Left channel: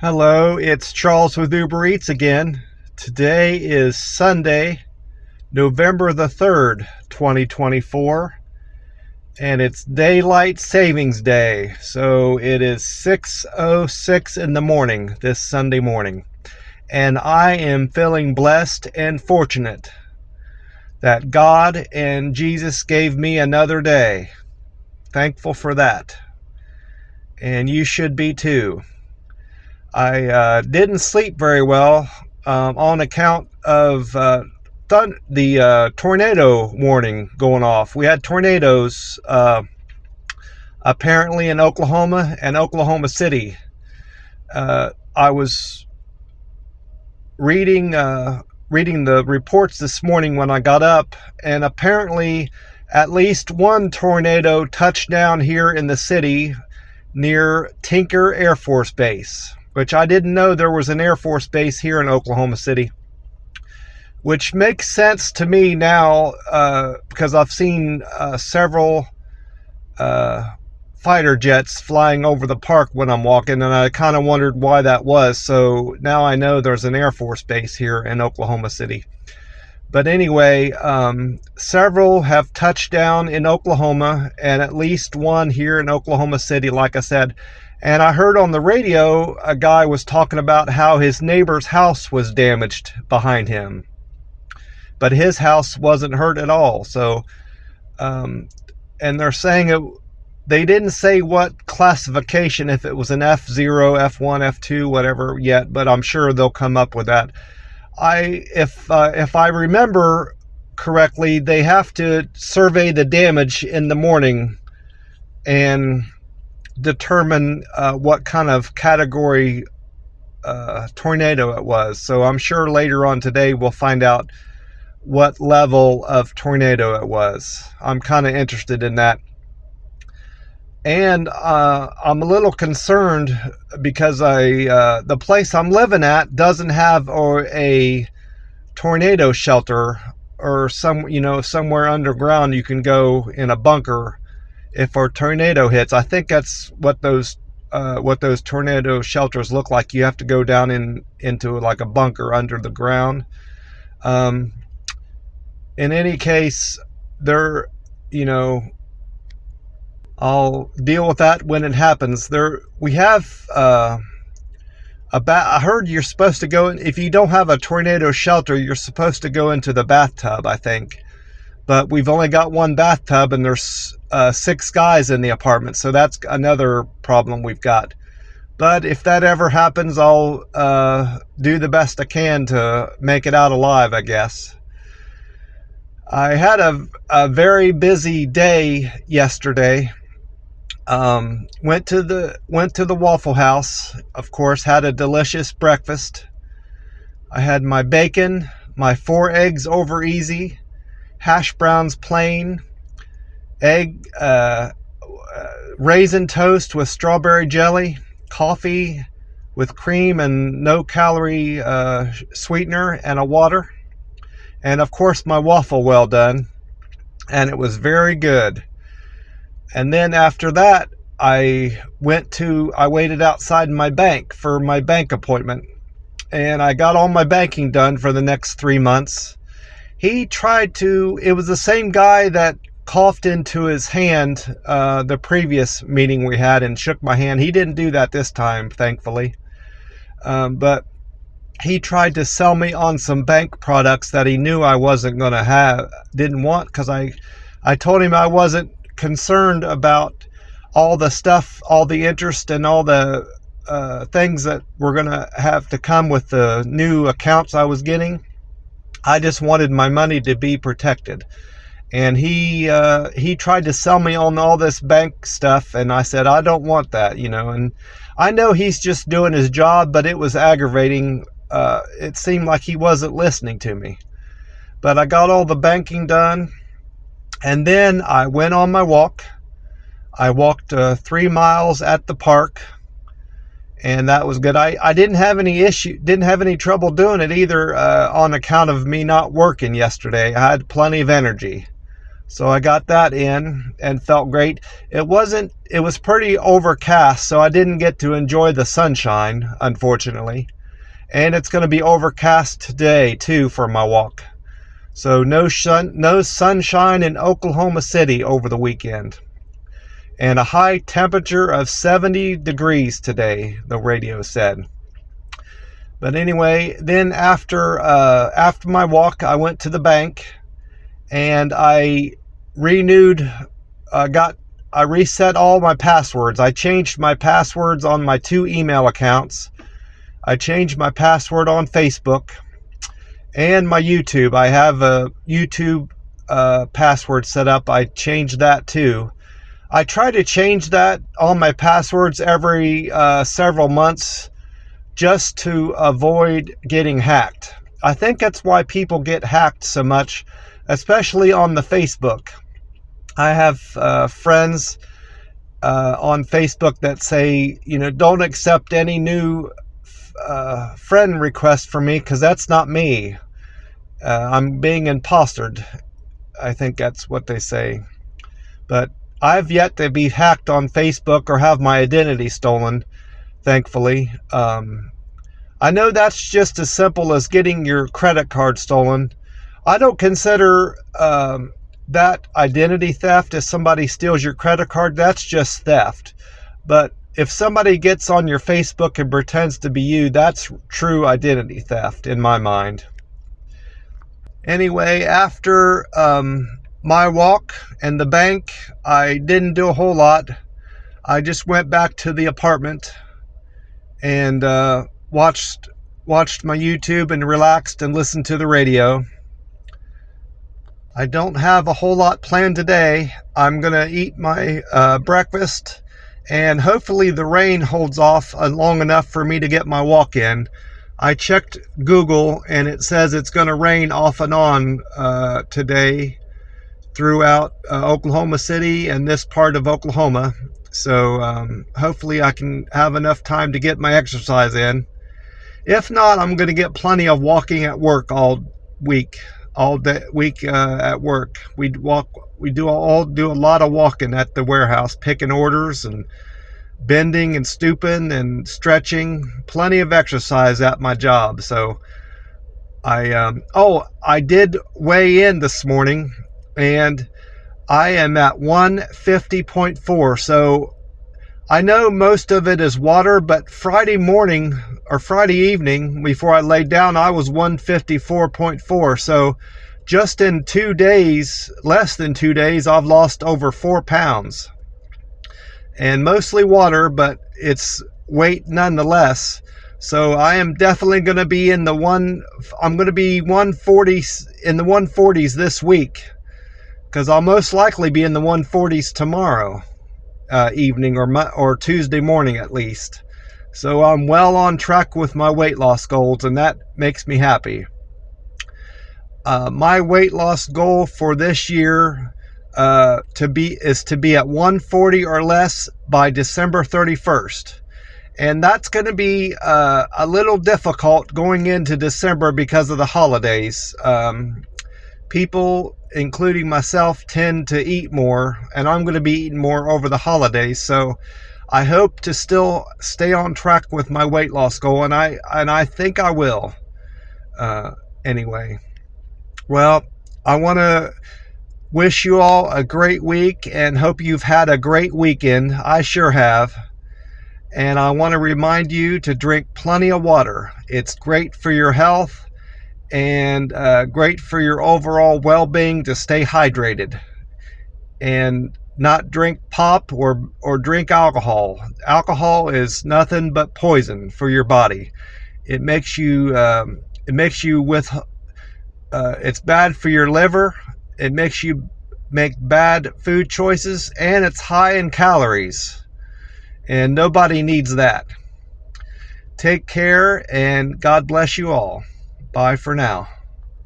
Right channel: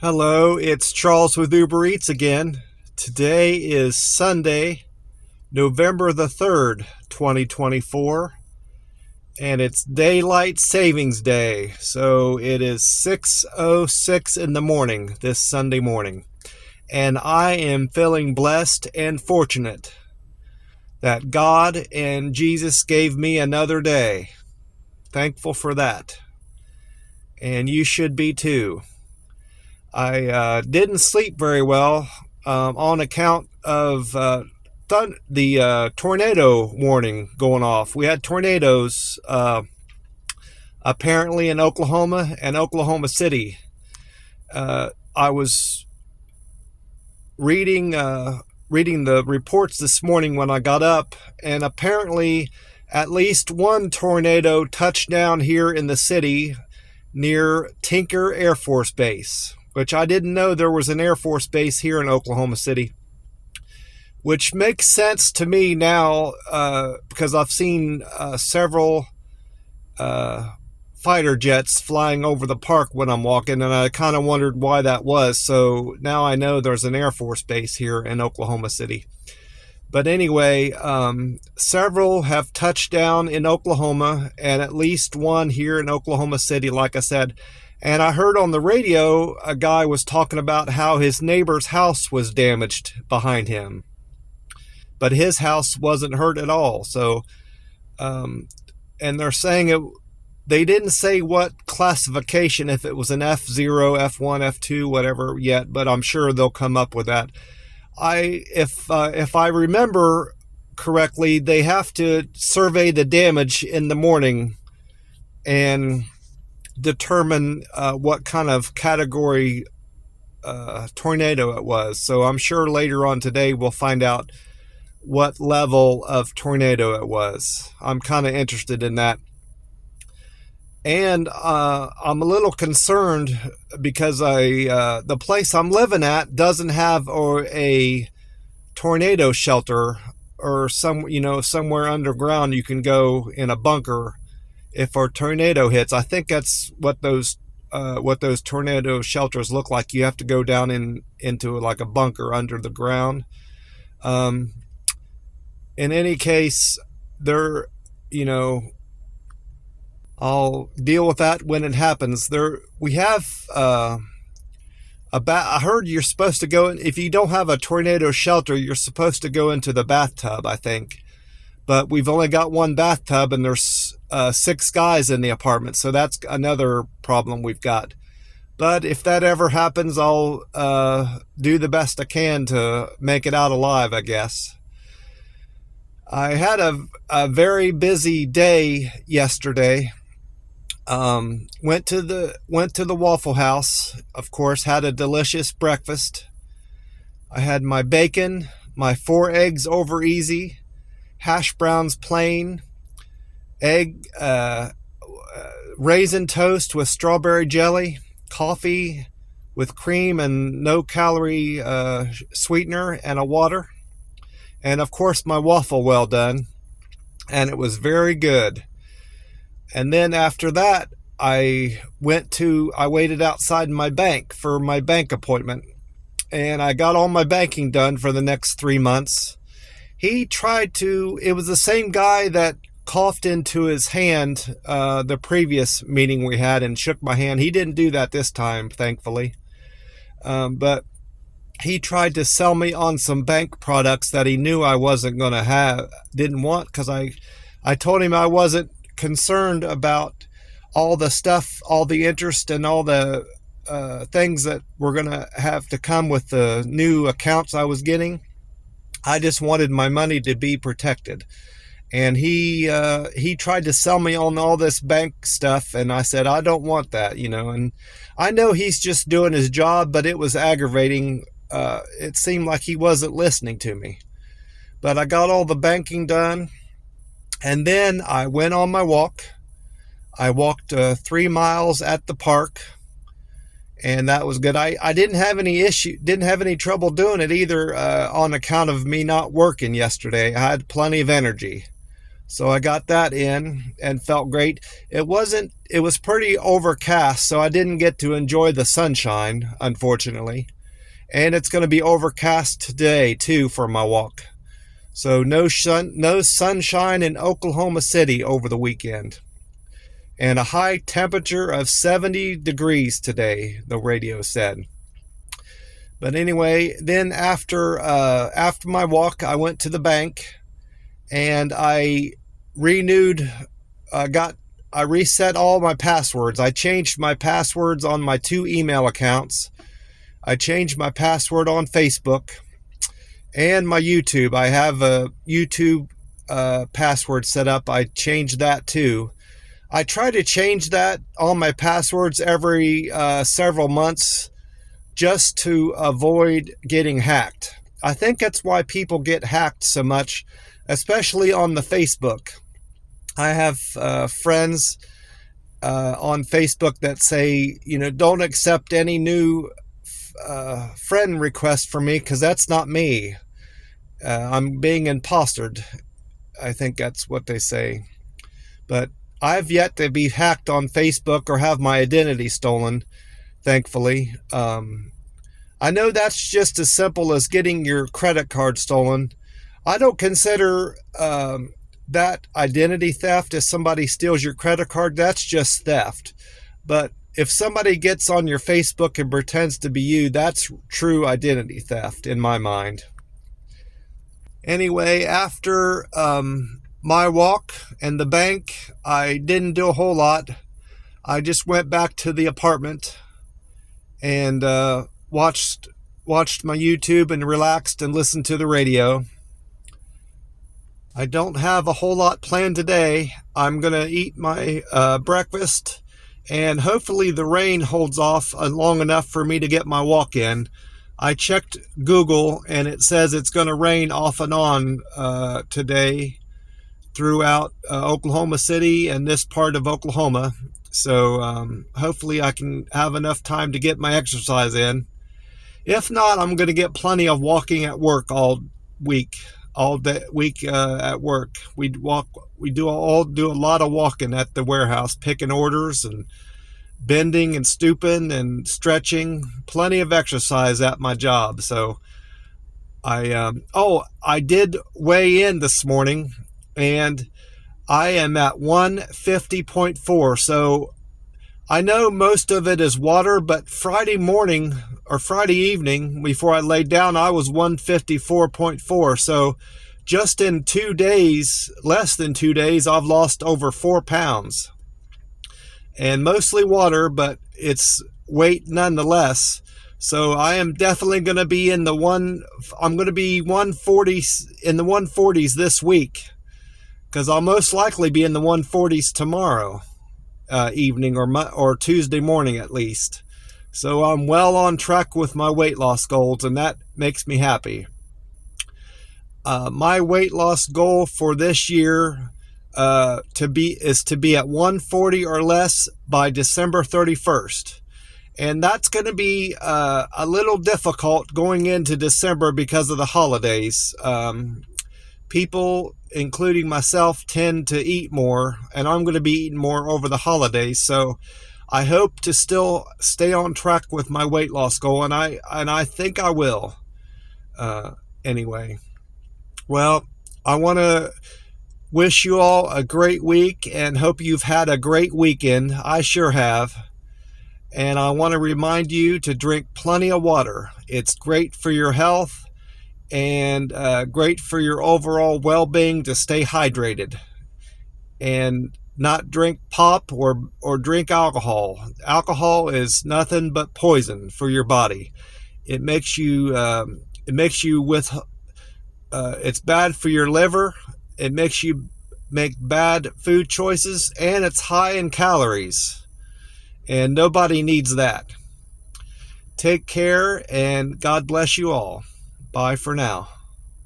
Hello, it's Charles with Uber Eats again. Today is Sunday, November the 3rd, 2024, and it's Daylight Savings Day. So it is 6:06 in the morning this Sunday morning, and I am feeling blessed and fortunate that God and Jesus gave me another day. Thankful for that, and you should be too. I didn't sleep very well on account of the tornado warning going off. We had tornadoes apparently in Oklahoma and Oklahoma City. I was reading the reports this morning when I got up, and apparently at least one tornado touched down here in the city near Tinker Air Force Base, which I didn't know there was an Air Force Base here in Oklahoma City, which makes sense to me now because I've seen several fighter jets flying over the park when I'm walking, and I kind of wondered why that was. So now I know there's an Air Force Base here in Oklahoma City. But anyway, several have touched down in Oklahoma, and at least one here in Oklahoma City, like I said. And I heard on the radio a guy was talking about how his neighbor's house was damaged behind him, but his house wasn't hurt at all. So, and they're saying they didn't say what classification, if it was an F0, F1, F2, whatever yet, but I'm sure they'll come up with that. If I remember correctly, they have to survey the damage in the morning and determine what kind of category tornado it was. So I'm sure later on today we'll find out what level of tornado it was. I'm kind of interested in that. And I'm a little concerned because the place I'm living at doesn't have a tornado shelter, or somewhere underground you can go in a bunker if a tornado hits. I think that's what those tornado shelters look like. You have to go down into like a bunker under the ground. In any case, I'll deal with that when it happens. We have I heard you're supposed to go in, if you don't have a tornado shelter, you're supposed to go into the bathtub, I think. But we've only got one bathtub, and there's 6 guys in the apartment, so that's another problem we've got. But if that ever happens, I'll do the best I can to make it out alive, I guess. I had a very busy day yesterday. Went to the Waffle House, of course, had a delicious breakfast. I had my bacon, my 4 eggs over easy, hash browns plain, egg, raisin toast with strawberry jelly, coffee with cream and no calorie sweetener, and a water. And of course my waffle well done, and it was very good. And then after that, I waited outside my bank for my bank appointment, and I got all my banking done for the next 3 months. It was the same guy that coughed into his hand the previous meeting we had and shook my hand. He didn't do that this time, thankfully. But he tried to sell me on some bank products that he knew I didn't want, because I told him I wasn't concerned about all the stuff, all the interest, and all the things that were going to have to come with the new accounts I was getting. I just wanted my money to be protected. And he tried to sell me on all this bank stuff, and I said, I don't want that, and I know he's just doing his job, but it was aggravating. It seemed like he wasn't listening to me. But I got all the banking done, and then I went on my walk. I walked 3 miles at the park, and that was good. I didn't have any trouble doing it either, on account of me not working yesterday. I had plenty of energy. So I got that in and felt great. It was pretty overcast, so I didn't get to enjoy the sunshine, unfortunately. And it's going to be overcast today too for my walk. So no sunshine in Oklahoma City over the weekend. And a high temperature of 70 degrees today, the radio said. But anyway, then after my walk, I went to the bank and I reset all my passwords. I changed my passwords on my 2 email accounts. I changed my password on Facebook and my YouTube. I have a YouTube password set up. I changed that too. I try to change that on my passwords every several months just to avoid getting hacked. I think that's why people get hacked so much, especially on the Facebook. I have friends on Facebook that say, don't accept any new friend request from me because that's not me. I'm being impostered. I think that's what they say. But I've yet to be hacked on Facebook or have my identity stolen, thankfully. I know that's just as simple as getting your credit card stolen. I don't consider that identity theft. If somebody steals your credit card, that's just theft. But if somebody gets on your Facebook and pretends to be you, that's true identity theft in my mind. Anyway, after my walk and the bank, I didn't do a whole lot. I just went back to the apartment and watched my YouTube and relaxed and listened to the radio. I don't have a whole lot planned today. I'm going to eat my breakfast, and hopefully the rain holds off long enough for me to get my walk in. I checked Google, and it says it's going to rain off and on today throughout Oklahoma City and this part of Oklahoma. So hopefully I can have enough time to get my exercise in. If not, I'm going to get plenty of walking at work all week at work. We do a lot of walking at the warehouse, picking orders and bending and stooping and stretching. Plenty of exercise at my job. So I did weigh in this morning, and I am at 150.4. So I know most of it is water, but Friday morning or Friday evening before I laid down, I was 154.4. So just in 2 days, less than 2 days, I've lost over 4 pounds. And mostly water, but it's weight nonetheless. So I am definitely going to be in the 140s this week, because I'll most likely be in the 140s tomorrow evening or Tuesday morning at least. So I'm well on track with my weight loss goals, and that makes me happy. My weight loss goal for this year is to be at 140 or less by December 31st. And that's going to be a little difficult going into December because of the holidays. People, including myself, tend to eat more, and I'm going to be eating more over the holidays. So I hope to still stay on track with my weight loss goal, and I think I will. Anyway, well, I want to wish you all a great week and hope you've had a great weekend. I sure have. And I want to remind you to drink plenty of water. It's great for your health and great for your overall well-being to stay hydrated. And not drink pop or drink alcohol. Alcohol is nothing but poison for your body. It makes you it's bad for your liver. It makes you make bad food choices, and it's high in calories. And nobody needs that. Take care, and God bless you all. Bye for now.